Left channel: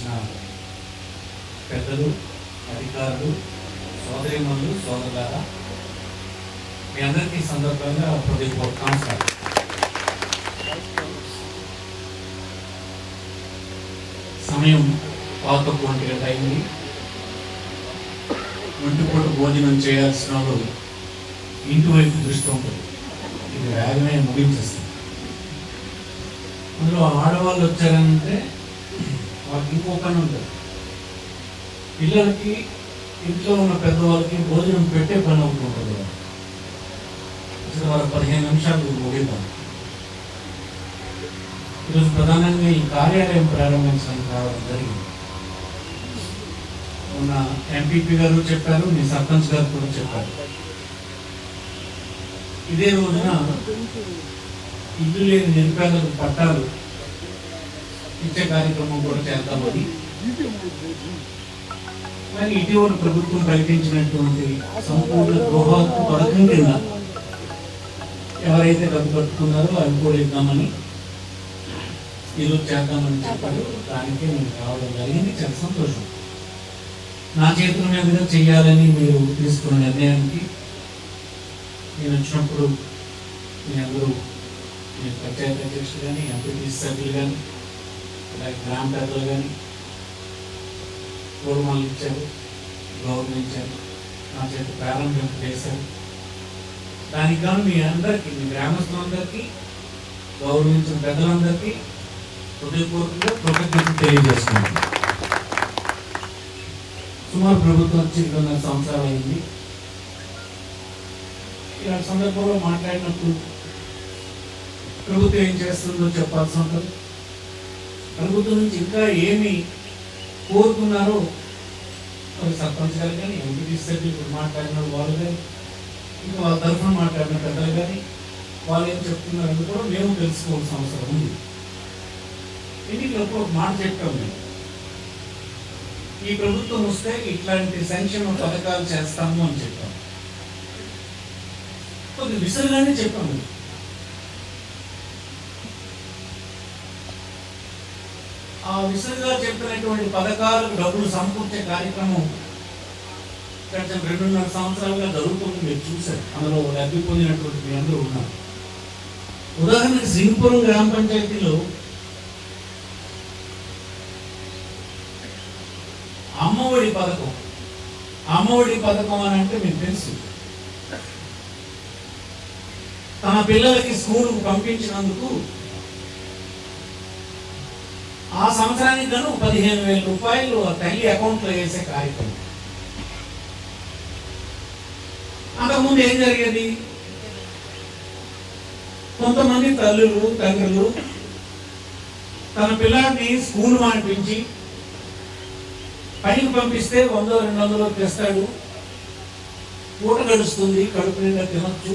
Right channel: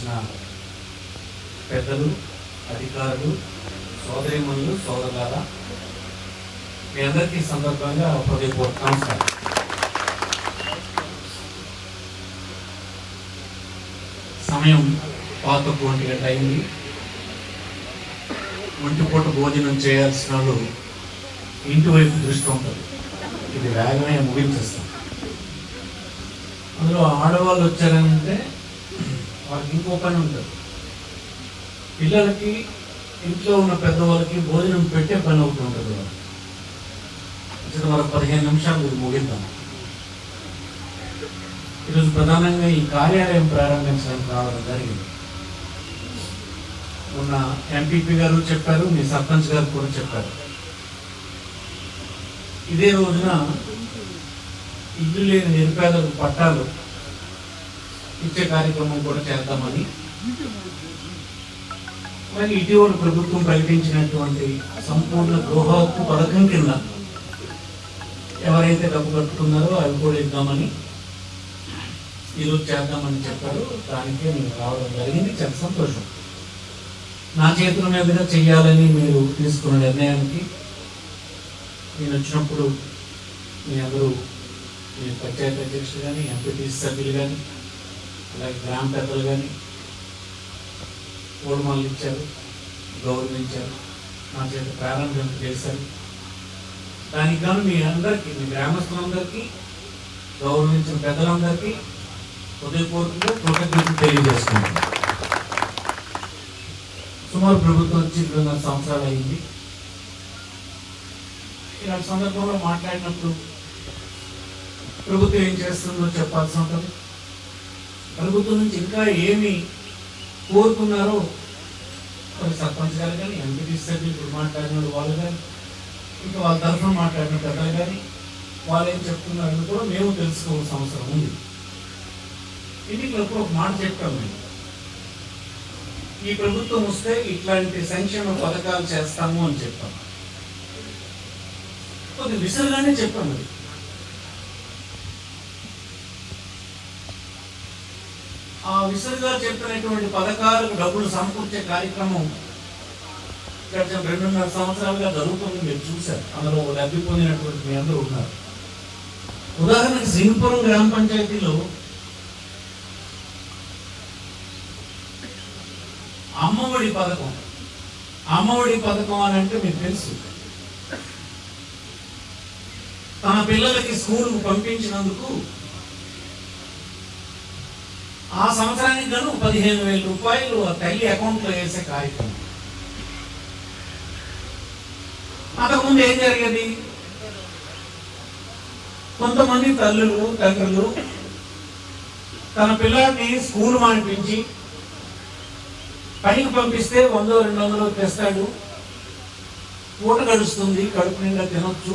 వచ్చిన పెద్దలు, అధికారులు, సోదరిమణులు, సోదరులారా, మీ అందరికీ సందర్భంగా హృదయపూర్వక నమస్కారం. సమయం 11 అయింది. ఒంటిపూట భోజనం చేయాల్సిన వాళ్ళు ఇంటి వైపు దృష్టి ఉంటుంది. ఇది వేగమే ముగించేస్తాం. అందులో ఆడవాళ్ళు వచ్చారంటే వాళ్ళకి ఇంకో పని ఉంటుంది. పిల్లలకి, ఇంట్లో ఉన్న పెద్దవాళ్ళకి భోజనం పెట్టే పని ఒకటి ఉంటుంది. ఇక్కడ వాళ్ళ 15 నిమిషాలు ముగిద్దాం. ఈరోజు ప్రధానంగా ఈ కార్యాలయం ప్రారంభించడానికి రావడం జరిగింది. ఉన్న ఎంపీపీ గారు చెప్పారు, మీ సర్పంచ్ గారు కూడా చెప్పారు. ఇదే రోజున ఇల్లు లేని నిరుపేదలకు పట్టాలు ఇచ్చే కార్యక్రమం కూడా చేద్దామని, మరి ఇటీవల ప్రభుత్వం ప్రకటించినటువంటి సంపూర్ణ గృహహక్కు పథకం కింద ఎవరైతే డబ్బు కట్టుకున్నారో అవి కూడా ఇద్దామని ఈరోజు చేద్దామని చెప్పారు. దానికే నేను రావడం జరిగింది. చాలా సంతోషం. నా చేతుల మీదుగా చెయ్యాలని మీరు తీసుకున్న నిర్ణయానికి నేను వచ్చినప్పుడు మీ అందరూ, మీ పంచాయతీ అధ్యక్షులు కానీ, ఎంపీటీసీ సభ్యులు కానీ, అలాగే గ్రామ పెద్దలు కానీ పూర్వమాలు ఇచ్చారు, గౌరవించారు, నా చేత ప్రారంభం చేశారు. దానికి గాను మీ అందరికీ, మీ గ్రామస్తులందరికీ, గౌరవించిన పెద్దలందరికీ హృదయపూర్వకంగా కృతజ్ఞతలు తెలియజేస్తున్నాను. సుమారు ప్రభుత్వం వచ్చి 2.5 సంవత్సరాలు అయింది. ఇలాంటి సందర్భంలో మాట్లాడినప్పుడు ప్రభుత్వం ఏం చేస్తుందో చెప్పాల్సి ఉంటుంది. ప్రభుత్వం నుంచి ఇంకా ఏమి కోరుకున్నారో మరి సర్పంచ్ గారు కానీ, ఎంపీటీసీ సభ్యులు ఇప్పుడు మాట్లాడిన వాళ్ళు కానీ, ఇంకా వాళ్ళ తరఫున మాట్లాడిన పెద్దలు కానీ, వాళ్ళు ఏం చెప్తున్నారని కూడా మేము తెలుసుకోవాల్సిన అవసరం ఉంది. ఎన్నికలప్పుడు ఒక మాట చెప్పాము మేము, ఈ ప్రభుత్వం వస్తే ఇట్లాంటి సంక్షేమ పథకాలు చేస్తాము అని చెప్పాము. కొద్ది విసరగానే చెప్పాము. ఆ విసురుగా చెప్పినటువంటి పథకాలకు డబ్బులు సమకూర్చే కార్యక్రమం గత 2.5 సంవత్సరాలుగా జరుగుతుంది. మీరు చూశారు. అందులో లబ్ధి పొందినటువంటి మీ అందరూ ఉన్నారు. ఉదాహరణకి సింగపురం గ్రామ పంచాయతీలో అమ్మఒడి పథకం, అమ్మఒడి పథకం అని అంటే మీకు తెలుసు. తన పిల్లలకి స్కూల్కు పంపించినందుకు ఆ సంవత్సరానికి గాను 15,000 రూపాయలు తల్లి అకౌంట్లో వేసే కార్యక్రమం. అంతకుముందు ఏం జరిగేది? కొంతమంది తల్లులు, తండ్రులు తన పిల్లల్ని స్కూల్ మానిపించి పనికి పంపిస్తే 100-200 తెస్తాడు, పూట గడుస్తుంది, కడుపు నిండా తినొచ్చు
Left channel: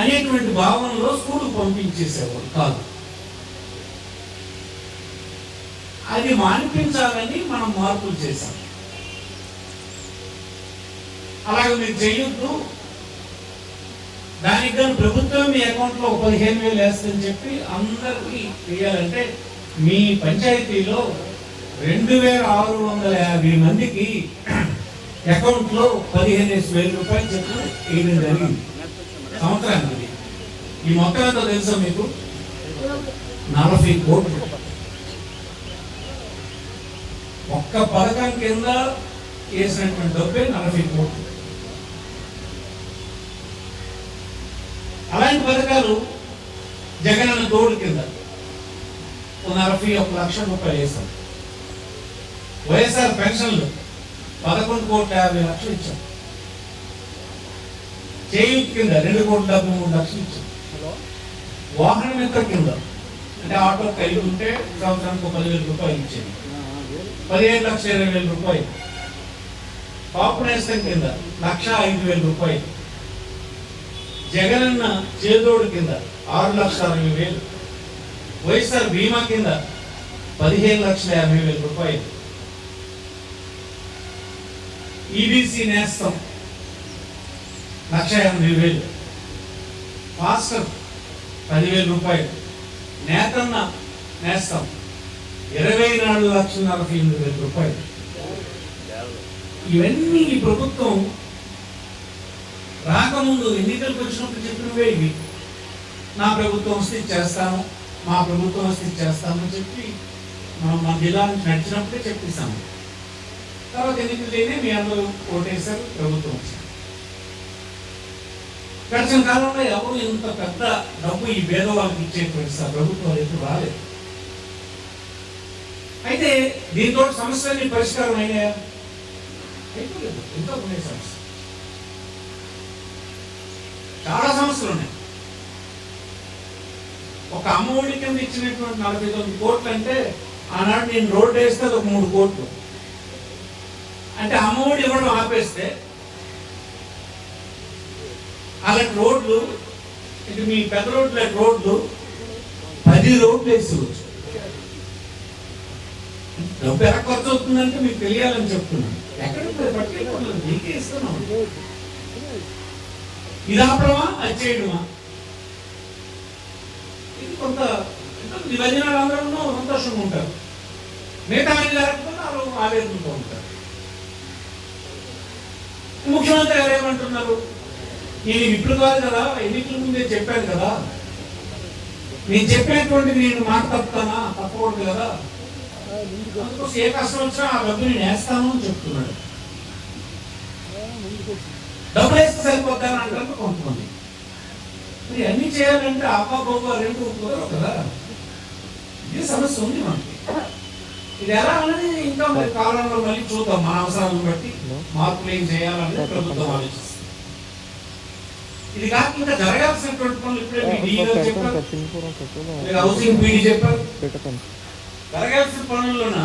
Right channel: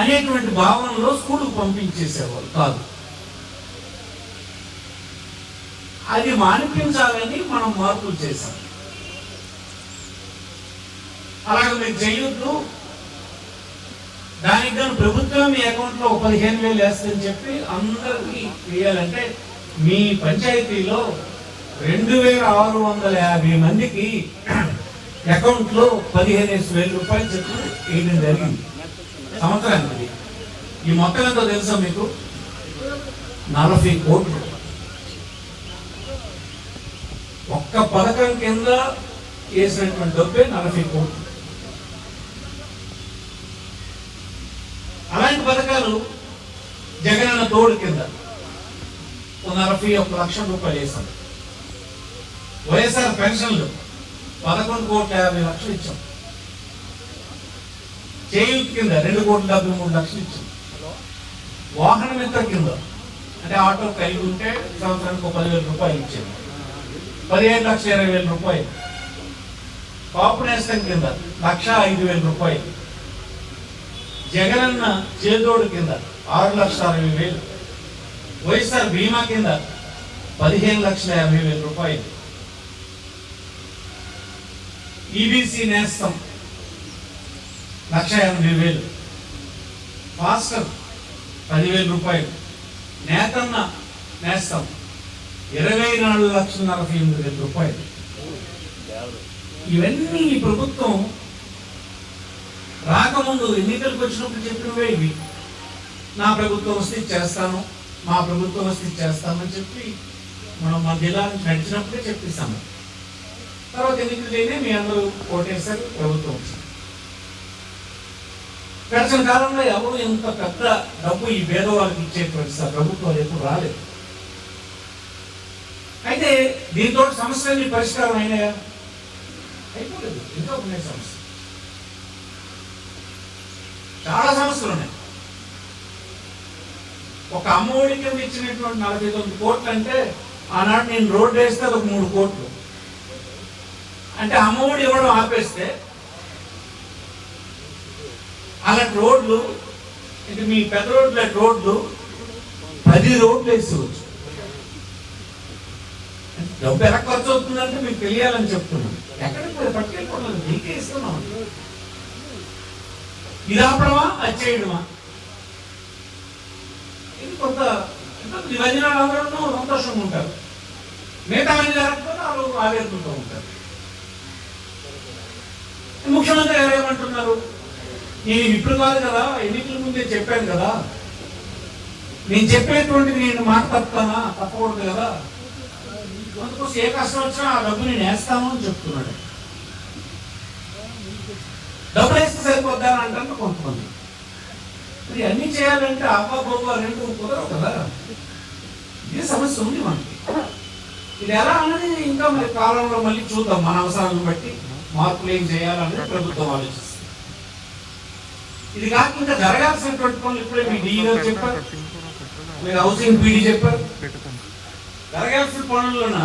అనేటువంటి భావనలో స్కూల్కు పంపించేసేవాళ్ళు కాదు. అది మానిపించాలని మనం మార్పులు చేశాం. అలాగే మీరు చేయొద్దు, దానికి ప్రభుత్వం మీ అకౌంట్లో 15,000 వేస్తుందని చెప్పి అందరికీ వేయాలంటే మీ పంచాయతీలో 2,650 మందికి అకౌంట్లో 15,000 రూపాయలు చెప్పి వేయడం జరిగింది సంవత్సరానికి. ఈ మొత్తం ఎంతో తెలుసా మీకు? 40 కోట్లు. ఒక్క పథకం కింద వేసినటువంటి డబ్బే 40 కోట్లు. అలాంటి పథకాలు జగనన్న తోడు కింద 41 లక్షల రూపాయలు వేశారు. వైఎస్ఆర్ పెన్షన్లు 11,50,00,000 ఇచ్చాం. చేయూత్ కింద 2,73,00,000 ఇచ్చాం. వాహన మిత్ర కింద అంటే ఆటో కలిగి ఉంటే సంవత్సరానికి 10,000 రూపాయలు ఇచ్చేది, 15,20,000 రూపాయలు. కాపు నేస్తం కింద 1,05,000 రూపాయలు. జగనన్న చేదోడు కింద 6,60,000. వైఎస్ఆర్ బీమా కింద 15,50,000 రూపాయలు. ఈబీసీ నేస్తం 1,80,000. మాస్టర్ 10,000 రూపాయలు. నేతన్న నేస్తం 24,48,000 ఇవన్నీ ఈ ప్రభుత్వం రాకముందు ఎన్నికలకు వచ్చినప్పుడు చెప్పినవే ఇవి. నా ప్రభుత్వం వస్తే చేస్తాను, మా ప్రభుత్వం వస్తే చేస్తామని చెప్పి మనం మన జిల్లా నుంచి నడిచినప్పుడే చెప్పిస్తాము. తర్వాత ఎన్నికలైనా మీ అందరూ ఓటేశారు, ప్రభుత్వం వచ్చింది. గడిచిన కాలంలో ఎవరు ఇంత పెద్ద డబ్బు ఈ పేదవాళ్ళకి ఇచ్చేటువంటి ప్రభుత్వాలు ఎప్పుడు రాలేదు. అయితే దీంతో సమస్యలన్నీ పరిష్కారం అయినాయా? అయిపోలేదు. ఎంతో ఉన్నాయి సమస్య, చాలా సమస్యలు ఉన్నాయి. ఒక అమ్మఒడి కింద ఇచ్చినటువంటి 49 కోట్లు అంటే ఆనాడు నేను రోడ్డు వేస్తే ఒక 3 కోట్లు. అంటే అమ్మఒడి ఇవ్వడం ఆపేస్తే అలాంటి రోడ్లు, ఇది మీ పెద్ద రోడ్ల రోడ్లు 10 రోడ్లు వేసుకోవచ్చు. డబ్బు ఎలా ఖర్చు అవుతుందంటే మీకు తెలియాలని చెప్తున్నాను. ఎక్కడికి పట్టుకెళ్ళిపోతుంది, మీకే ఇస్తున్నాం. ఇది ఆపడమా, అది చేయడమా? ఇది కొంత యువజనాలు అందరూ సంతోషంగా ఉంటారు, మిగతా మంది జరగకపోతే వాళ్ళు ఆవేదనతో ఉంటారు. ముఖ్యమంత్రి గారు ఏమంటున్నారు, నేను ఇప్పుడు కాదు కదా, ఎన్నికల ముందే చెప్పాను కదా, నేను చెప్పేటువంటి నేను మాట తప్పుతానా, తప్పకూడదు కదా, అందుకోసం ఏ కష్టం వచ్చినా ఆ డబ్బు నేను వేస్తాను అని చెప్తున్నాడు. డబ్బులు వేస్తే సరిపోద్దా అని అంటారు కొంతమంది. మరి అన్ని చేయాలంటే అవ్వబోబా 2 కుదరవు కదా. ఇది సమస్య ఉంది మనకి. ఇది ఎలా అన్నది ఇంకా మరి కాలంలో మళ్ళీ చూద్దాం. మన అవసరాలను బట్టి మార్పులు ఏం చేయాలనేది ప్రభుత్వం ఆలోచిస్తుంది. ఇది కాక ఇంకా జరగాల్సినటువంటి పనులు ఇప్పుడే మీ డీ గారు చెప్పారు, హౌసింగ్ పీడీ చెప్పారు. జరగాల్సిన పనుల్లోన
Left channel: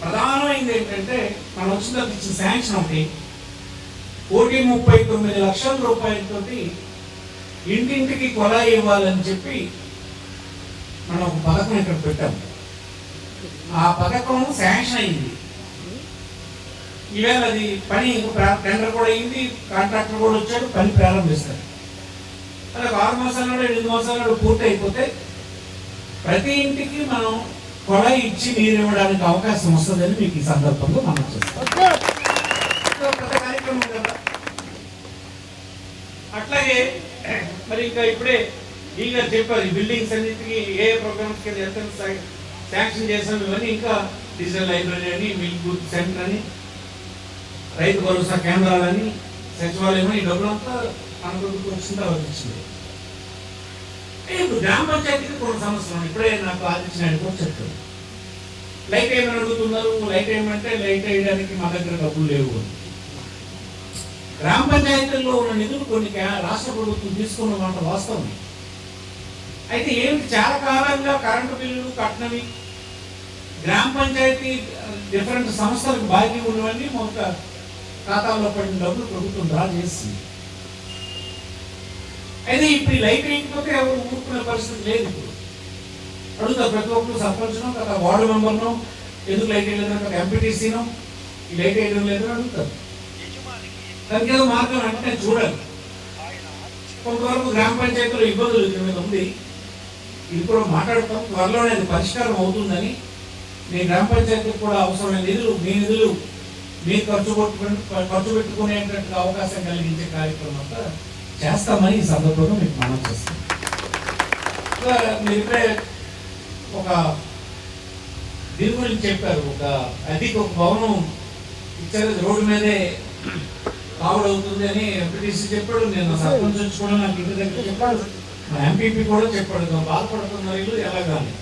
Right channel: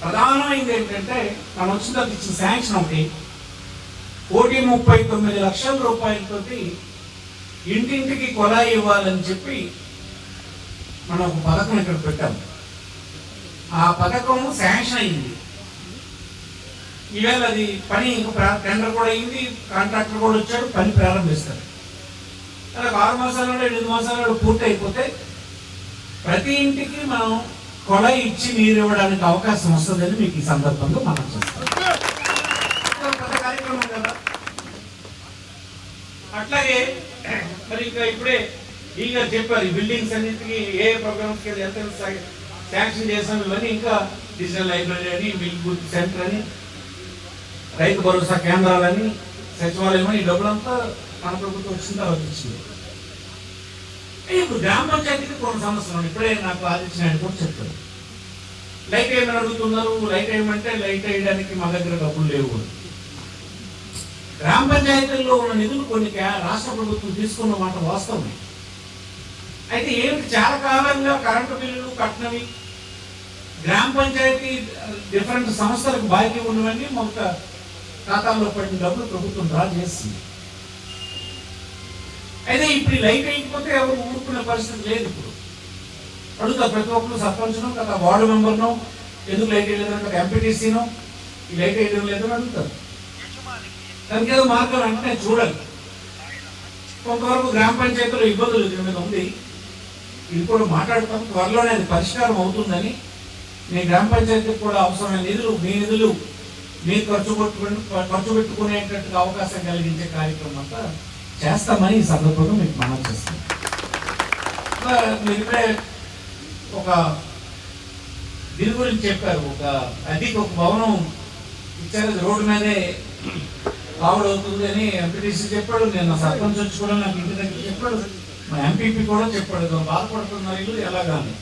ప్రధానమైంది ఏంటంటే మనం వచ్చిన ఇచ్చిన శాంక్షన్ ఒకటి 1,39,00,000 రూపాయలతోటి ఇంటింటికి కొలాయి ఇవ్వాలని చెప్పి మనం ఒక పథకం ఇక్కడ పెట్టాం. ఆ పథకం శాంక్షన్ అయింది. ఈవేళ అది పని టెండర్ కూడా అయింది, కాంట్రాక్టర్ కూడా వచ్చాడు, పని ప్రారంభిస్తాడు. అలా 6 మాసాలలో 8 మాసాలలో పూర్తి అయిపోతే ప్రతి ఇంటికి మనం కొలాయి ఇచ్చి నీరు ఇవ్వడానికి అవకాశం వస్తుందని మీకు ఈ సందర్భంగా మనం చేస్తాం. పెద్ద కార్యక్రమం కదా. అట్లాగే మరి ఇంకా ఇప్పుడే ఈ గారు చెప్పారు, ఈ బిల్డింగ్స్ అన్నింటికి ఏ ప్రోగ్రామ్స్ కింద ఎంత శాంక్షన్ చేసాం. ఇవన్నీ ఇంకా డిజిటల్ లైబ్రరీ అని, మిల్క్ బూత్ సెంటర్ అని, రైతు భరోసా కేంద్రాలని, సచివాలయం అని, ఈ డబ్బులంతా మన ప్రభుత్వం వచ్చిన తర్వాత వచ్చింది. ఇప్పుడు గ్రామ పంచాయతీకి కొన్ని సమస్యలు ఇప్పుడే నాకు ఆదిత్య కూడా చెప్పారు. లైట్ ఏమని అడుగుతున్నారు, లైట్ ఏమంటే లైట్ వేయడానికి మా దగ్గర డబ్బులు లేవు. గ్రామ పంచాయతీల్లో ఉన్న నిధులు కొన్ని రాష్ట్ర ప్రభుత్వం తీసుకున్న మాట వాస్తవమే. అయితే ఏమిటి, చాలా కాలంగా కరెంటు బిల్లులు కట్టినవి గ్రామ పంచాయతీ డిఫరెంట్ సంస్థలకు బాకీ ఉన్నవన్నీ మొదట ఖాతాలో పడిన డబ్బులు ప్రభుత్వం డ్రా చేసింది. అయితే ఇప్పుడు లైట్ వేయకపోతే ఎవరు ఊరుకునే పరిస్థితి లేదు. ఇప్పుడు అడుగుతా ప్రతి ఒక్కరు సర్పంచ్ను, కదా వార్డు మెంబర్ను, ఎందుకు లైట్ వేయలేదు, కదా ఎంపీటీసీను ఈ లైట్ వేయడం లేదని అడుగుతారు. దానికి ఏదో మార్గం వెంటనే చూడాలి. కొంతవరకు గ్రామ పంచాయతీలో ఇబ్బందులు మీద ఉంది, ఇది కూడా మాట్లాడతాం. త్వరలోనే అది పరిష్కారం అవుతుందని, మీ గ్రామ పంచాయతీకి కూడా అవసరమైన నిధులు, మీ నిధులు మీరు ఖర్చు పెట్టుకునేటువంటి అవకాశం కలిగించే కార్యక్రమం అంతా చేస్తామని ఈ సందర్భంగా మీకు మనం చేస్తాం. మీరే ఒక దీని గురించి చెప్పారు, ఒక అధిక భవనం ఇచ్చారు, రోడ్డు మీదే కావుడవుతుంది అని ఎంపీటీసీ చెప్పాడు. నేను సర్పంచ్ వచ్చి కూడా నాకు ఇంటి దగ్గర చెప్పాడు, మా ఎంపీపీ కూడా చెప్పాడు, బాధపడుతున్నారు ఇల్లు ఎలాగాని.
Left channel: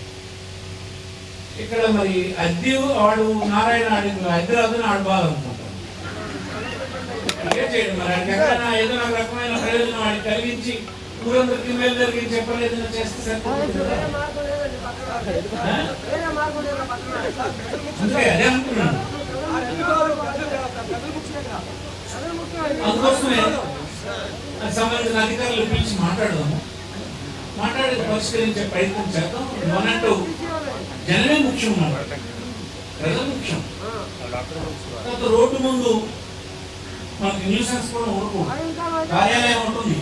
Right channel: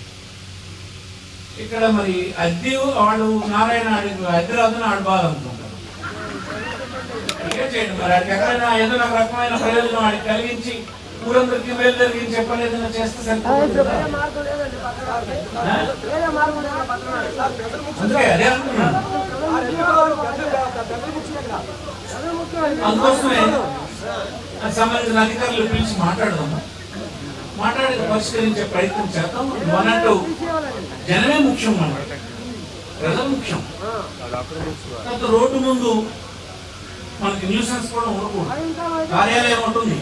ఇక్కడ మరి అద్దె వాడు నారాయణ హైదరాబాద్ ఆడు బాధ అనుకుంటాను. ఏం చేయడం మరి వాడికి ఎక్కడైనా ఏదో ఒక రకమైన ప్రయోజనం వాడికి కలిగించి ఊరందరికీ మేలు జరిగించి చెప్పలేదని చేస్తే సరిపోతుంది. అందుకే అదే అనుకున్నాను. అందుకోసమే సంబంధించిన అధికారులు పిలిచి మాట్లాడదాము, మాట్లాడి పరిష్కరించే ప్రయత్నం చేద్దాం. అన్నట్టు జనమే ముఖ్యం, ప్రజలు ముఖ్యం. రోడ్డు ముందు మనకి న్యూసెన్స్ కూడా ఉండకూడదు, కార్యాలయం ఉంటుంది,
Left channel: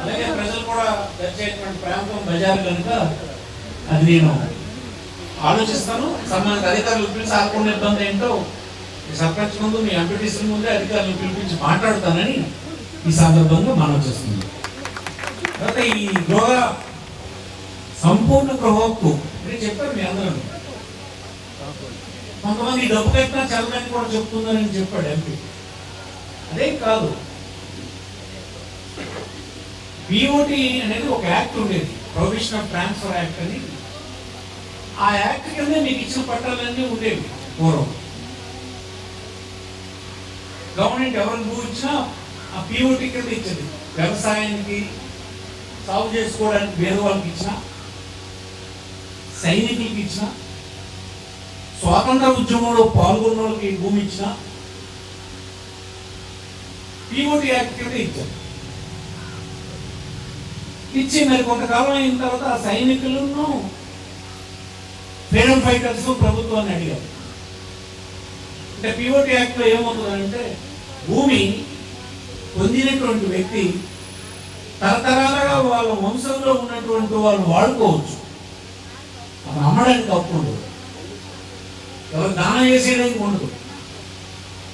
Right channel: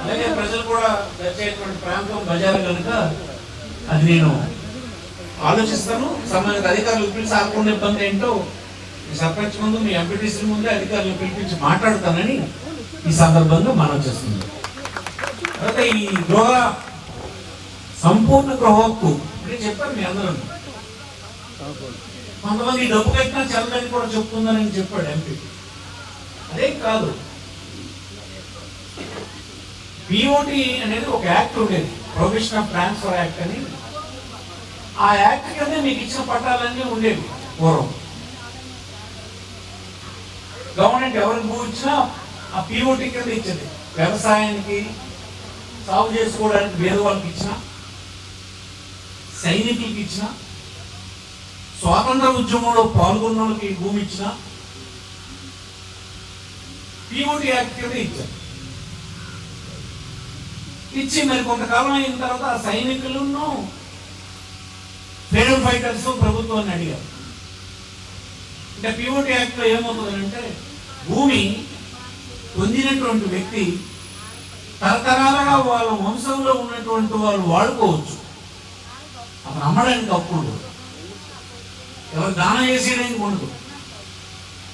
అలాగే ప్రజలు కూడా వచ్చేటువంటి ప్రాంతం బజార్ కనుక అది నేను ఆలోచిస్తాను. సంబంధిత అధికారులు పిలిచి ఆకుండా ఇబ్బంది ఏంటో మీ సర్పంచ్ ముందు, మీ ఎంపీటీసీ ముందే అధికారులను పిలిపించి మాట్లాడుతానని ఈ సందర్భంగా మనం చేస్తుంది. తర్వాత ఈ గృహ సంపూర్ణ గృహ హక్కు అంటే చెప్పారు మీ అందరూ. కొంతమంది డబ్బు కట్టినా చల్లని కూడా చెప్తుందని చెప్పాడు ఎంపీ. అదే కాదు, పిఓటి అనేది ఒక యాక్ట్ ఉండేది, ప్రొవిషన్ ఆఫ్ ట్రాన్స్ఫర్ యాక్ట్ అని. ఆ యాక్ట్ కింద మీకు ఇచ్చిన పట్టాలన్నీ ఉండేవి పూర్వం. గవర్నమెంట్ ఎవరికి భూ ఇచ్చినా ఆ పిఓటి కింద ఇచ్చేది. వ్యవసాయానికి, సాగు చేసుకోవడానికి వేరే వాళ్ళకి ఇచ్చిన, సైనికులకి ఇచ్చిన, స్వాతంత్ర ఉద్యమంలో పాల్గొన్న వాళ్ళకి భూమి ఇచ్చిన పిఓటి యాక్ట్ కింద ఇచ్చారు. ఇచ్చి మరి కొంతకాలం అయిన తర్వాత ఆ సైనికులను, ఫ్రీడమ్ ఫైటర్స్ ప్రభుత్వాన్ని అడిగారు. అంటే పిఓటి యాక్ట్ లో ఏమవుతుందంటే భూమి పొందినటువంటి వ్యక్తి తరతరాలుగా వాళ్ళ వంశంలో ఉన్నటువంటి వాళ్ళు వాడుకోవచ్చు, అప్పుడు అమ్మడానికి అప్పుడు ఎవరు దానం చేసేయడానికి ఉండదు.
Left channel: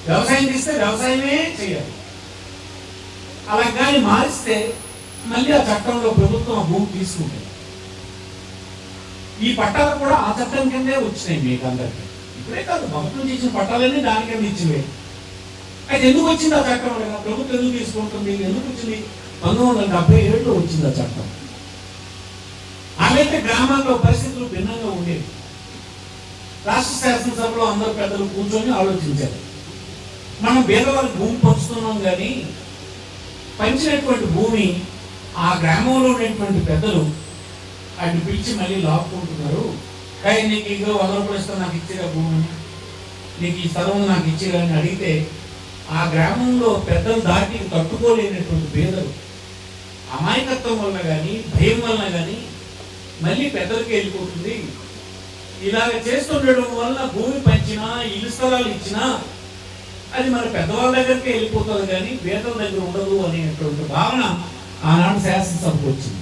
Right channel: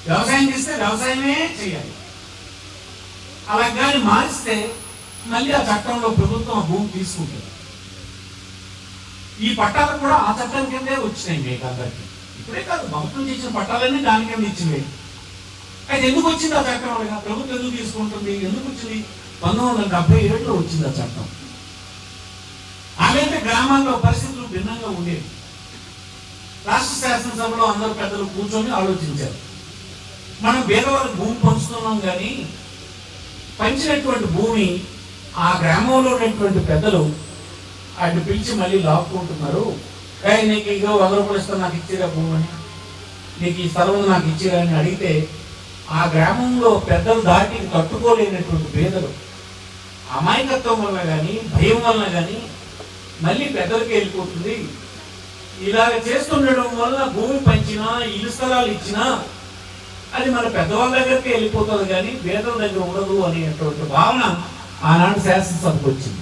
వ్యవసాయం చేస్తే వ్యవసాయమే చేయాలి. అలా కానీ మారిస్తే మళ్ళీ ఆ చట్టంలో ప్రభుత్వం భూమి తీసుకుంటుంది. ఈ పట్టాలు కూడా ఆ చట్టం కిందే వచ్చినాయి మీకు అందరికీ. ఇప్పుడే కాదు, భక్తులు ఇచ్చిన పట్టాలన్నీ దాని కింద ఇచ్చినవి. అయితే ఎందుకు వచ్చింది ఆ చట్టం? ప్రభుత్వం ఎందుకు తీసుకుంటుంది? ఎందుకు వచ్చింది? 1977లో వచ్చింది ఆ చట్టం. ఆమెతే గ్రామాల్లో పరిస్థితులు భిన్నంగా ఉండేవి. రాష్ట్ర శాసనసభలో అందరూ పెద్దలు కూర్చొని ఆలోచించారు. మనం పేదవాళ్ళకి భూమి పంచుతున్నాం, కానీ పంచినటువంటి భూమి ఆ గ్రామంలో ఉన్నటువంటి పెద్దలు ఆయన పిలిచి మళ్ళీ లాక్కుంటున్నారు. కానీ నీకు ఇగో 100 రూపాయలు ఇస్తా, నాకు ఇచ్చిరా భూమిని, నీకు ఈ స్థలం నాకు ఇచ్చిరా అని అడిగితే ఆ గ్రామంలో పెద్దలు దాటి తట్టుకోలేనటువంటి పేదలు అమాయకత్వం వలన కానీ, భయం వలన కానీ మళ్ళీ పెద్దలకి వెళ్ళిపోతుంది. ఇలాగ చేస్తుండడం వల్ల భూమి పంచినా, ఇల్లు స్థలాలు ఇచ్చినా అది మన పెద్దవాళ్ళ దగ్గరికి వెళ్ళిపోతుంది, కానీ పేదల దగ్గర ఉండదు అనేటువంటి భావన ఆనాడు శాసనసభకు వచ్చింది.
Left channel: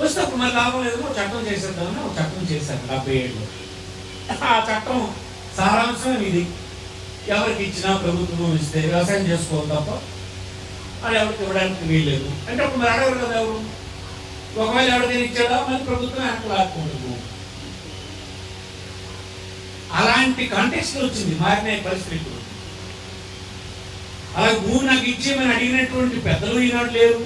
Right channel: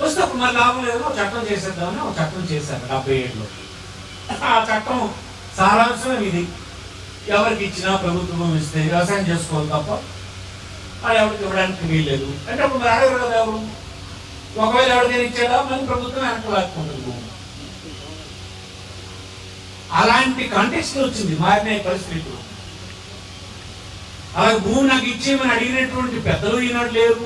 వస్తే అప్పుడు మరి లాభం లేదో చట్టం చేసేద్దామని ఒక చట్టం చేశాను 77లో. ఆ చట్టం సారాంశం ఇది: ఎవరికి ఇచ్చినా ప్రభుత్వం ఇస్తే వ్యవసాయం చేసుకోవాలి తప్ప అది ఎవరికి ఇవ్వడానికి వీల్లేదు. అంటే అప్పుడు మరి అడగరు కదా ఎవరు. ఒకవేళ ఎవరికైనా ఇచ్చాడా మరి ప్రభుత్వం వెనక్కి లాక్కుంటుంది. అలాంటి కాంటెక్స్ట్ వచ్చింది, మారిన పరిస్థితులు. అలాగే భూమి నాకు ఇచ్చేమని అడిగినటువంటి పెద్దలు ఈనాడు లేరు.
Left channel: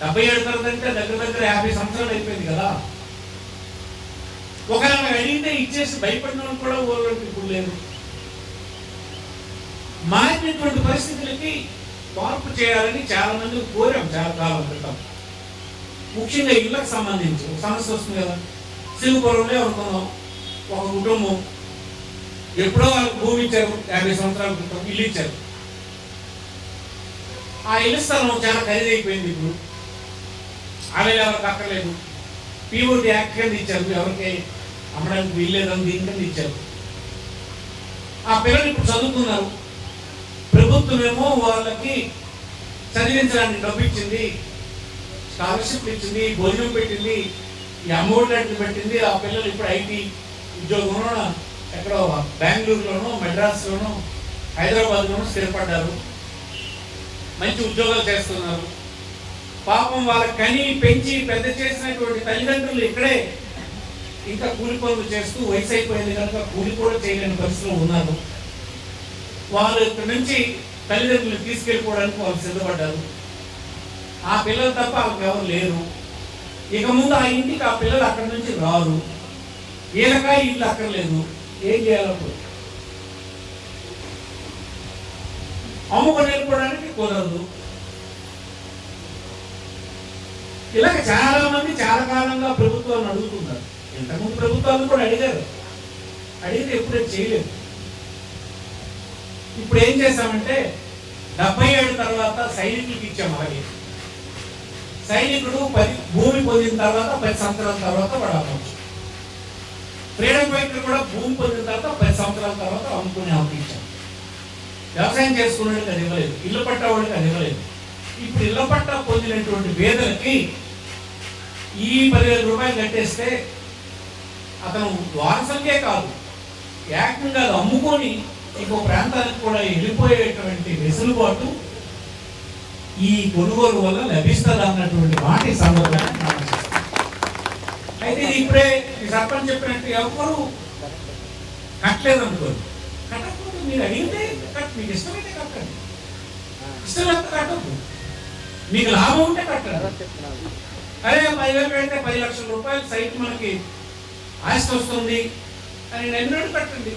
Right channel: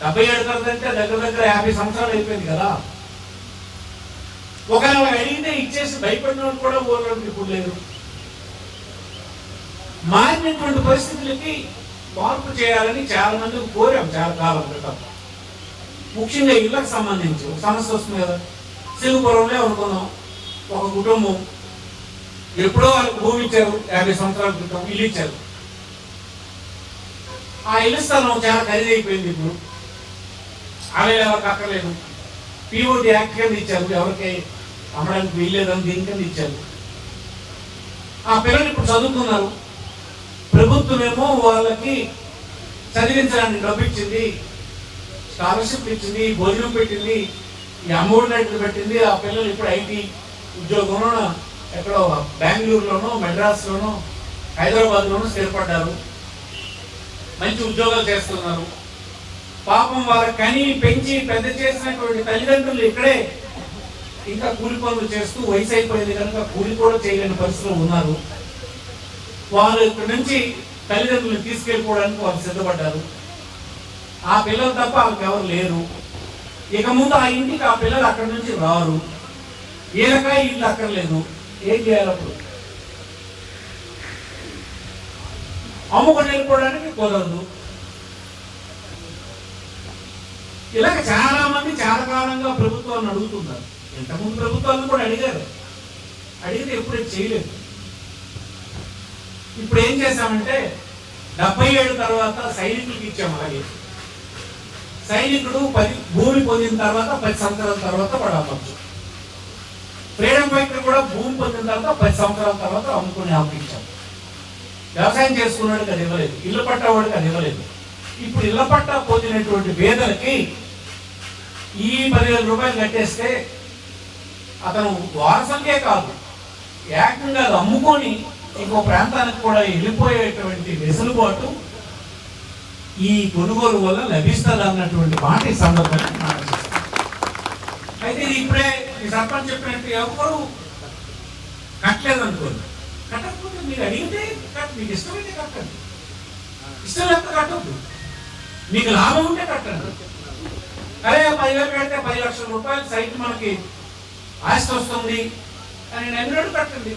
77 తర్వాత అంటే దగ్గర 50 సంవత్సరాలు అయిపోయింది కదా. ఒకవేళ అడిగితే ఇచ్చేసి భయపడిన వాళ్ళు కూడా ఊళ్ళోకి ఇప్పుడు లేరు. మారినటువంటి పరిస్థితులకి మార్పు చేయాలని చాలా మంది కోరాం చాలా కాలం క్రితం. ముఖ్యంగా ఇళ్ళకు సంబంధించి ఒక సమస్య వస్తుంది కదా. సింగపురంలో ఎవరుకున్నాం, ఒక కుటుంబం ఎప్పుడో వాళ్ళకి భూమి ఇచ్చారు, 50 సంవత్సరాల క్రితం ఇల్లు ఇచ్చారు. ఆ ఇల్లు స్థలం చాలా ఖరీదైపోయింది. ఇప్పుడు ఆమె ఎవరికి అక్కర్లేదు, పిఓటి యాక్ట్ కింద ఇచ్చారు, ఎవరికి అమ్మడానికి వీల్లేదని దీని కింద ఇచ్చారు. ఆ పిల్లలు ఇప్పుడు చదువుతున్నారు. ప్రభుత్వం ఏమో వాళ్ళకి చదివించడానికి డబ్బు ఇచ్చింది, స్కాలర్షిప్ ఇచ్చింది, భోజనం పెట్టింది, ఈ అమౌంట్ లాంటివి పెట్టింది. ఆ పిల్లలు ఇప్పుడు ఐటీ ఉద్యోగంలో ఎక్కడో బెంగళూరులోనో, మెడ్రాస్లోనో, హైదరాబాద్లోనో స్థిరపడ్డారు, మంచి ఉద్యోగాలు చేస్తున్నారు. పాపం వాళ్ళకి కని పెంచి పెద్ద చేసినటువంటి తల్లిదండ్రులు ఇక్కడే ఇంకా కూలి పనులు చేస్తూ వయసు అయిపోయింది కనుక కూలి కూడా చేయలేని పరిస్థితులు ఉన్నారు. వాళ్ళు ఇక్కడి నుంచి తల్లిదండ్రులు తీసుకెళ్ళిపోవడానికి వాళ్ళు సిద్ధపడ్డారు. ఆ పిల్లలు తప్ప వాళ్ళకి ఎవరు లేరు. ఇక ముందు ఆ ఇంటికి ఆ పిల్లలు అక్కడి నుంచి రారు. ఈలకాయ ఇల్లు అక్కర్లేదు, ఏం చేయాలి? అప్పుడు అమ్ముకొని వెళ్ళిపోవడానికి కుదరదు. ఇలాగ చాలా మంది చాలా కాలంగా ప్రభుత్వాలను అడుగుతున్నారు. ఇంతకుముందు ప్రభుత్వాలను కూడా అడిగారు, అడిగితే ఎప్పుడూ చేయలేదు. ఇప్పుడు ఏం చేశామంటే 77 తర్వాత సైనికులకి ఇచ్చాము. అలాగే సైనికుడు భూమి పొందిన తర్వాత 10 సంవత్సరాల తర్వాత వాడు అమ్మచ్చు. ఫ్రీడమ్ ఫైటర్ కూడా భూమి పొందిన తర్వాత 10 సంవత్సరాల తర్వాత అమ్ముకుని అమ్మకిచ్చాం. వ్యవసాయం చేసుకున్నాడికి అది ఇవ్వలేదు, ఇళ్ళ పట్టావాడికి అది ఇవ్వలేదు. ఇప్పుడు ఇళ్ళ పట్టా పొందినటువంటి పేదలకి ఈ 10,000 రూపాయలు కట్టేస్తే అతను వారసంకే కాదు, ఏకంగా అది అమ్ముకొని ఇంకో ప్రాంతానికి కూడా వెళ్ళిపోయేటువంటి వెసులుబాటు ఈ కొనుగోలు వల్ల లభిస్తుంది అన్నటువంటి మాట ఈ సందర్భంగా మనం చేస్తాం. అయితే ఇది ఇప్పుడే ఈ సర్పంచ్ చెప్పినట్టు ఎవరు కట్టలేదు అనుకోండి, కట్టకపోతే మీరు అడిగితే మీకు ఇష్టమైతే కట్టండి, ఇష్టం లేకపోతే కట్టద్దు, మీకు లాభం ఉంటే కట్టండి. అరే 10,000 పెడితే 10 లక్షల రూపాయలు సైట్ మనకి ఆస్తి వస్తుంది అని నమ్మినట్టు కట్టండి.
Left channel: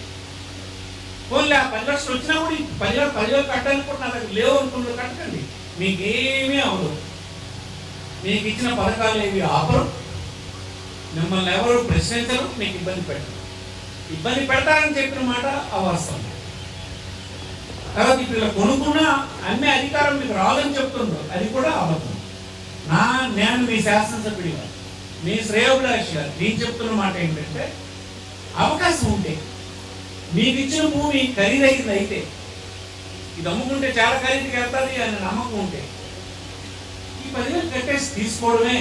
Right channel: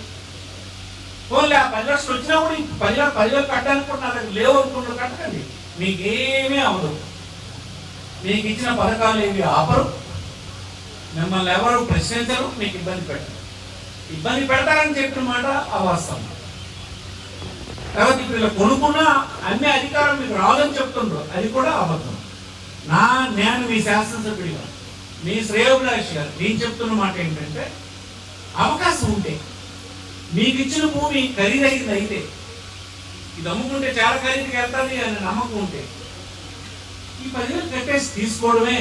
పోన్లే ఆ 10 లక్షలు వచ్చినా కూడా 10,000 కట్టడానికి కూడా నా దగ్గర లేవు అనుకున్న కట్టండి, మీకేమీ అవ్వదు. మీకు ఇచ్చిన పథకాలు ఏవి ఆపరు, మిమ్మల్ని ఎవరు ప్రశ్నించరు, మీకు ఇబ్బంది పెట్టరు. ఇబ్బంది పెడతారని చెప్పిన మాట అవాస్తవం. తర్వాత ఇప్పుడు ఇలా కొనుక్కున్నా అమ్మే అధికారం మీకు రాదని చెప్తుండ్రు, అది కూడా అబద్ధం. నేను మీ శాసనసభ్యుడిగా, మీ శ్రేయోభిలాషిగా నేను చెప్తున్న మాట ఏంటంటే, అవకాశం ఉంటే మీకు ఇచ్చిన భూమి ఖరీదైంది అయితే, ఇది అమ్ముకుంటే చాలా ఖరీదుకి వెళ్తాది అని నమ్మకం ఉంటే ఈ 10,000 కట్టేసి తీసుకోవడమే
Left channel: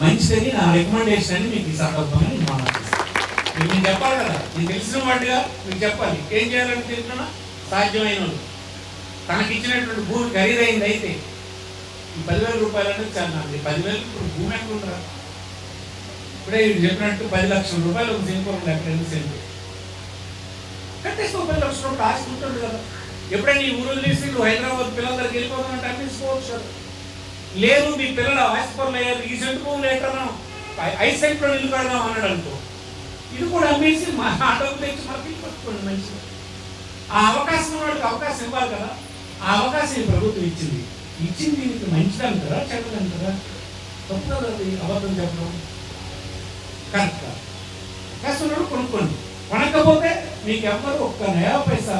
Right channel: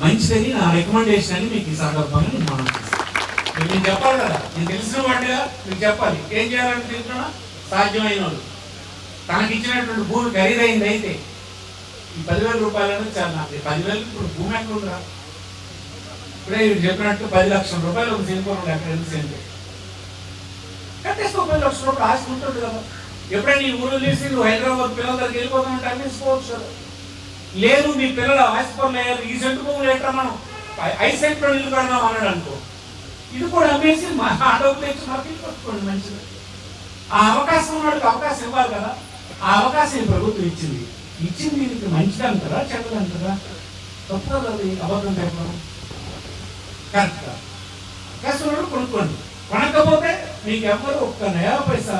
మంచిదని నా రికమెండేషన్ అని మీకు ఈ సందర్భంగా నేను చెప్పాలి కదా. నేను తెలిసిన వాడిగా మీకు చెప్పాలి. ఏం చేయాలని తెలుసుకున్నా, సాధ్యమైన వాళ్ళు తనకి ఇచ్చినటువంటి భూమి ఖరీదైంది అయితే ఈ 10,000 రూపాయలు అనేది చాలా. 10,000 ఇప్పుడు భూమి ఎక్కడ ఉందిరా? ఇప్పుడే చెప్పినట్టు 10 లక్షల రూపాయలు ఒక సింగపూర్ ఎక్కడ 2 సెంట్లు కట్టేస్తే 10 లక్షల రూపాయలు ఆస్తి ఉంటుంది కదా. ఎప్పుడైనా ఈ ఊరు తీసి నువ్వు హైదరాబాద్ పిల్లల దగ్గరికి వెళ్ళిపోతానంటే అనిపించుకోవచ్చు కదా. లేదు మీ పిల్లలు ఆస్తిపరులు అయ్యారు, ఈ సెంటు భూములు ఏంటో మనం 5 సెంట్లో నిల్లు కడదాం అన్నాడు అనుకో, ఇది కూడా అమ్మేసి మా ఆటోకు తెచ్చి మనకి పట్టుకోండి మంచిది. ఆ అవకాశం ఉన్నవాడికి అవకాశం ఇవ్వాలి కదా. ఆ అవకాశం ఈ ప్రభుత్వం ఇచ్చింది దీనికి మంచిది అంటారా చెడ్డది అంటారా? తప్పు కదా అది, అబద్ధం చెప్పడం కరెక్ట్ కాదు. అవకాశం ఉన్నప్పుడు కొనుక్కోండి, కొనకపోతే మీకు ఎవ్వరు ఒక్క నయా పైసా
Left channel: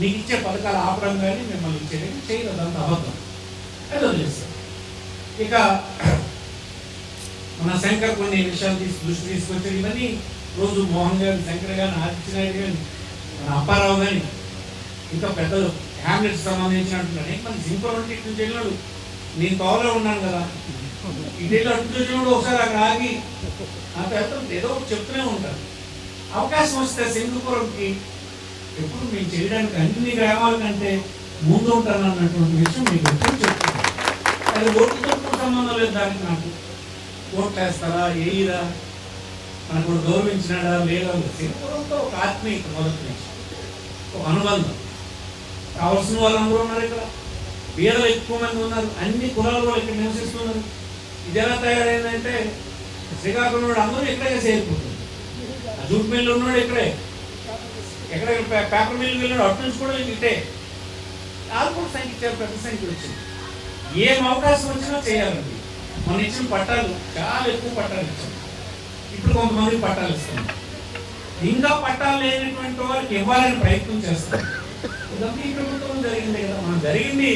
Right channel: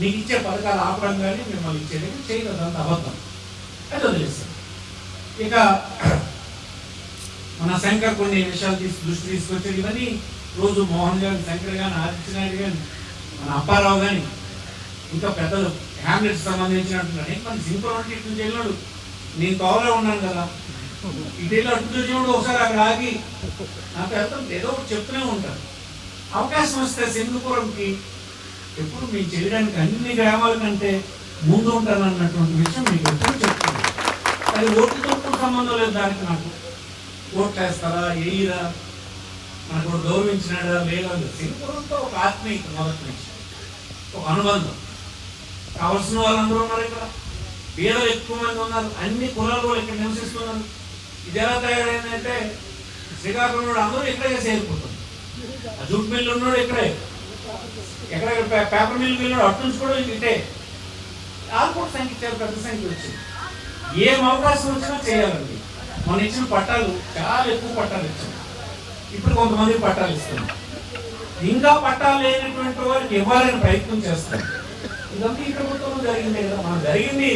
మీకు ఇచ్చే పథకాలు ఆపడం కానీ మిమ్మల్ని ఇచ్చేది చేయదు, అంత అబద్ధం. అది వదిలేసి ఇక మన శంకర్ కొన్ని విషయాలు దృష్టి తీసుకొచ్చారు. ఇవన్నీ రోజు మోహన్ గారు, శంకర్ గారు, ఆదిత్య నాయుడు గారు, మన అప్పారావు కానీ ఇంకా పెద్దలు హ్యామ్లెట్స్ సంబంధించినట్టున్నారు. మన సింపుల్ ఇటు నుంచి వెళ్ళినాడు, నేను తోవలో ఉన్నాను కదా, ఇదేళ్ళు అటు వచ్చినప్పుడు ఒకసారి అక్కడ ఆగి నా పేరుతో ఏదో ఒకటి చెప్తూనే ఉంటాను. అవకాశం వస్తే సింగపూర్కి ఎప్పుడు మేము చేయడానికి అన్ని గ్రామాల కంటే ముందు ఉంటాను అన్నటువంటి విషయం మీకు ఎప్పుడు చెప్తున్నాను. అది ఓటుతో సంబంధం లేదు దానికి. నాకు ఓట్లు వేస్తారా వేయరా, మనకు గౌరవించినాడా లేదా, సింగపూర్తో ఒక ఆత్మీయత మొదటి నుంచి ఒక అనుబంధం. కావలసిన వాళ్ళందరూ ఉన్నారు ఇక్కడ, బీదలు ఎక్కువ మంది ఉన్నారు, అన్ని కులాలు కూడా ఇక్కడ నివసిస్తున్నారు. ఇది ఎలా తయారైందంటే శ్రీకాకుళం అందరూ ఇక్కడే చేరిపోతుంది. ఆ జూట్ మిల్లు ఉన్నాడు ఇక్కడే, ఎక్కడ పేపర్ మిల్లుకి వెళ్ళాడు అటు నుంచి కూడా ఇటే. వాళ్ళు కూడా సంఖ్య పెద్ద సంఖ్య వచ్చింది. ఏం అవకాశం వచ్చినా చేయాలండి. మనం ఇచ్చిన పట్టాలు చాలా ఎక్కువ పట్టాలు ఇచ్చాం, ఇప్పుడు కొంతమందికి పట్టాలు ఇస్తాం, ఇంకా పట్టాలు లేనటువంటి వారికి ఇవ్వాలని ప్రయత్నం చేస్తాం. ఇదంతా ఈ ప్రభుత్వం జరిగింది కదా. మనం జరిగింది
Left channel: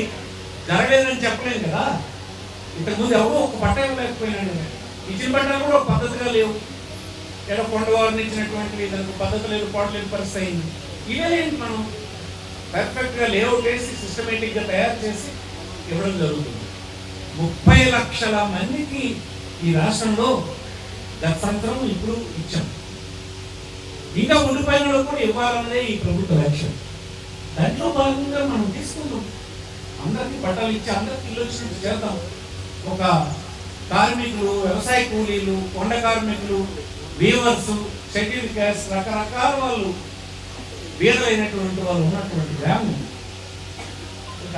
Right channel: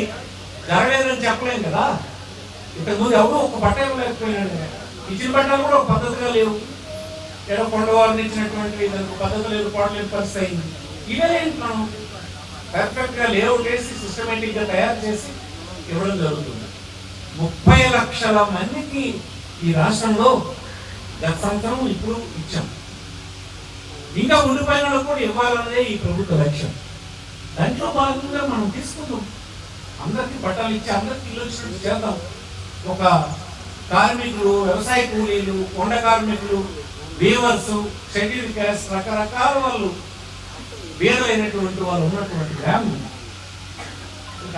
జరగలేదని చెప్పలేం కదా. ఇంతకుముందు ఎవరో ఒక పట్ట ఇవ్వలేకపోయినాడు, ఇచ్చిన పట్టాలు కూడా ఒక పద్ధతిగా లేవు. ఏదో కొండవారిని ఇచ్చినటువంటి దానికి పద్ధతి లేదు, పాటలేని పరిస్థితి అయింది. ఇవేంటి మనం పర్ఫెక్ట్గా లేఅవుట్ వేసి సిస్టమేటిక్గా తయారు చేసి ఇవ్వడం జరుగుతుంది. 30 లక్షల మందికి ఈ రాష్ట్రంలో గత సంవత్సరం ఇప్పుడు ఇచ్చాం. ఇంకా ఉండిపోయిన కూడా ఇవ్వాలన్నదే ఈ ప్రభుత్వ లక్ష్యం. దాంట్లో భాగంగా మనం తీసుకుందాం, అందరికీ పట్టాలు ఇచ్చి అందరికీ ఇల్లు వచ్చినట్టు చేద్దాం. ఒక కార్మికులు, వ్యవసాయ కూలీలు, కొండ కార్మికులు, వీవర్స్, షెడ్యూల్ క్యాస్ట్, రకరకాల వాళ్ళు బీదలైనటువంటి వాళ్ళు ఉన్నటువంటి గ్రామం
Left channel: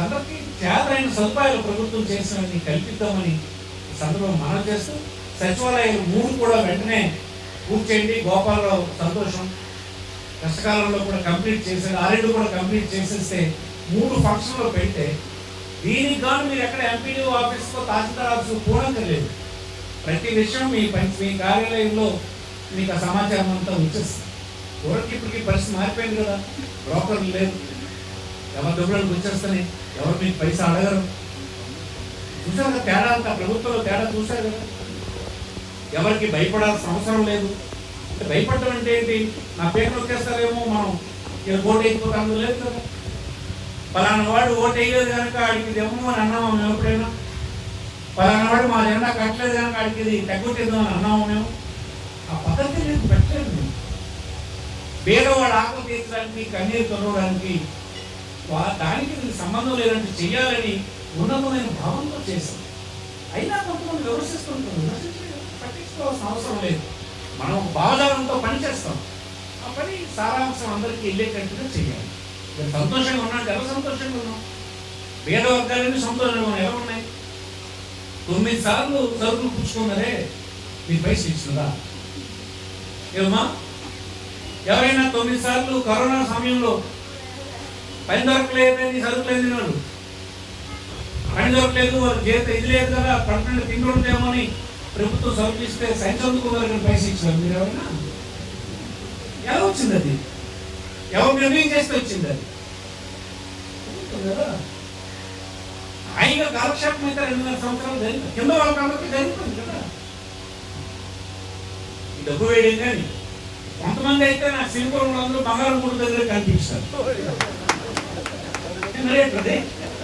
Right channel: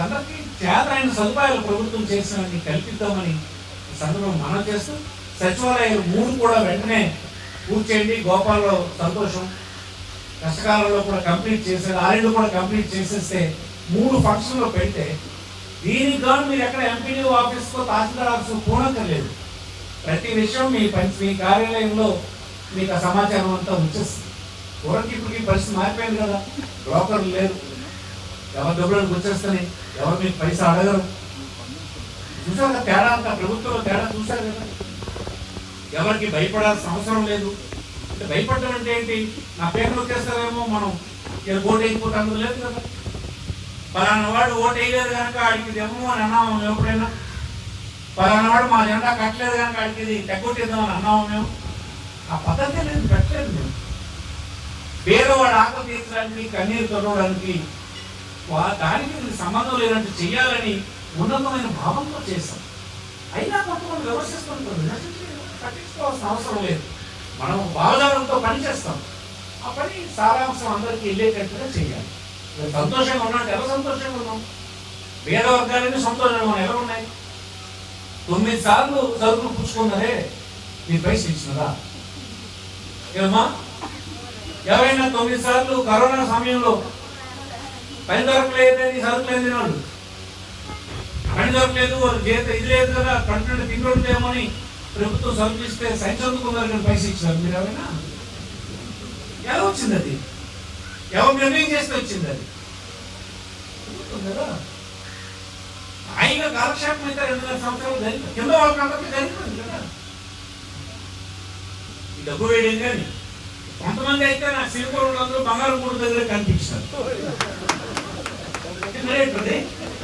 అందరికీ చేతనైన సదుపాయాలు ప్రభుత్వం చేసినవన్నీ కల్పిద్దామని సందర్భం మనం చేస్తూ, సచివాలయాలు 3 కూడా వెంటనే పూర్తి చేయండి. గోపాలరావు సంతోషం, కష్టకాలంలో కూడా కంప్లీట్ చేశారు. 2 కూడా కంప్లీట్ చేసేస్తే 3 ఫంక్షన్లో పెడితే దీనికి గాను మీరు ఎక్కడ ఎంపీడీ ఆఫీస్కో తహసీల్దార్ ఆఫీస్కో పోనక్కర్లేదు. ప్రతి విషయం మీ కార్యాలయంలో మీకు ఆ సమాచారం అంతా వచ్చేస్తుంది. ఊరికి ఇప్పటికీ పరిస్థితి మారిపోయింది కదా, బ్రోకర్లు లేదు, ఎవరి డబ్బులను వచ్చేస్తాయి, ఎవరు మీకు పైసా అడగరు. చూసారు కదా తేడా అంతా, ప్రభుత్వంలో తేడా చూసారు కదా. ఎవరికి భయపడాల్సిన అవసరం లేదు. అంటే భయపడటం అంటే ఏంటి, నా పేరు నొక్కేస్తారేమో, మనం ఇలా ఓటు వేయకపోతే లేదు కదా. పలానా వాడు ఓటు వేయలేదు కనుక ఆడికి ఇదేమో అని అన్నాము మేము ఎప్పుడైనా. పలానా వాడు మా జెండా కట్టలేదు కనుక ఆడికి ఇది తగ్గుతుందో అని అన్నాము మేము. ఆ పద్ధతి లేదు, పెట్టలేదు నేను. పేదవాడు ఆకలి తీర్చడానికి, కన్నీరు తొలగడానికి దానికి సంబంధం లేదంటే చెయ్యాలని ఉన్నతమైన భావంతో చేశాం. అయినా కొంతమంది విమర్శిస్తుంటారు. పట్టించుకోవాల్సిన అవసరం లేదు. మనం ఒక భావజాలంతో పని చేస్తాం. ఆ పని సారాంశం అందరికీ వెళ్ళేటట్టుగా చేయాలి. మీరు సంతోషంగా ఉన్నాంటే ఎలా సంతోషంగా ఉన్నాం? పేద వర్గాలన్నీ సంతోషంగా ఎలా ఉన్నాయి? 9 సార్లు సరుకులు పుచ్చుకున్నారే, మీరు పైసలు ఇచ్చినదా? ఏమమ్మా, ఎవరైనా 9 సార్లు కరోనా సమయంలో పని దొరకలేదని సరుకులు అందిన వాళ్ళు, పని దొరకలేదు, వాళ్ళు జీతం ఇది లేదు కదా, కంటే తింటుందేమో అని ప్రభుత్వం సరుకులు ఇస్తే సైన్స్ అందుకున్నారు, పైసలు ఇచ్చినారు. మీరు ఎవరైనా ఎలా వచ్చింది? అది ఎవరు నిర్ణయం చేస్తే వచ్చింది? అది కదా. హాయిగా కాలక్షేపం అయితే 2.5 సంవత్సరాలు జరిగింది, కింద వాళ్ళకందరికీ జరిగిపోయింది కదా. ఈ డబ్బు వేయడం కానీ కొంతమంది అయితే నా సిలికోన్ అందరూ బంగారం గుడి దగ్గర కనిపించారు.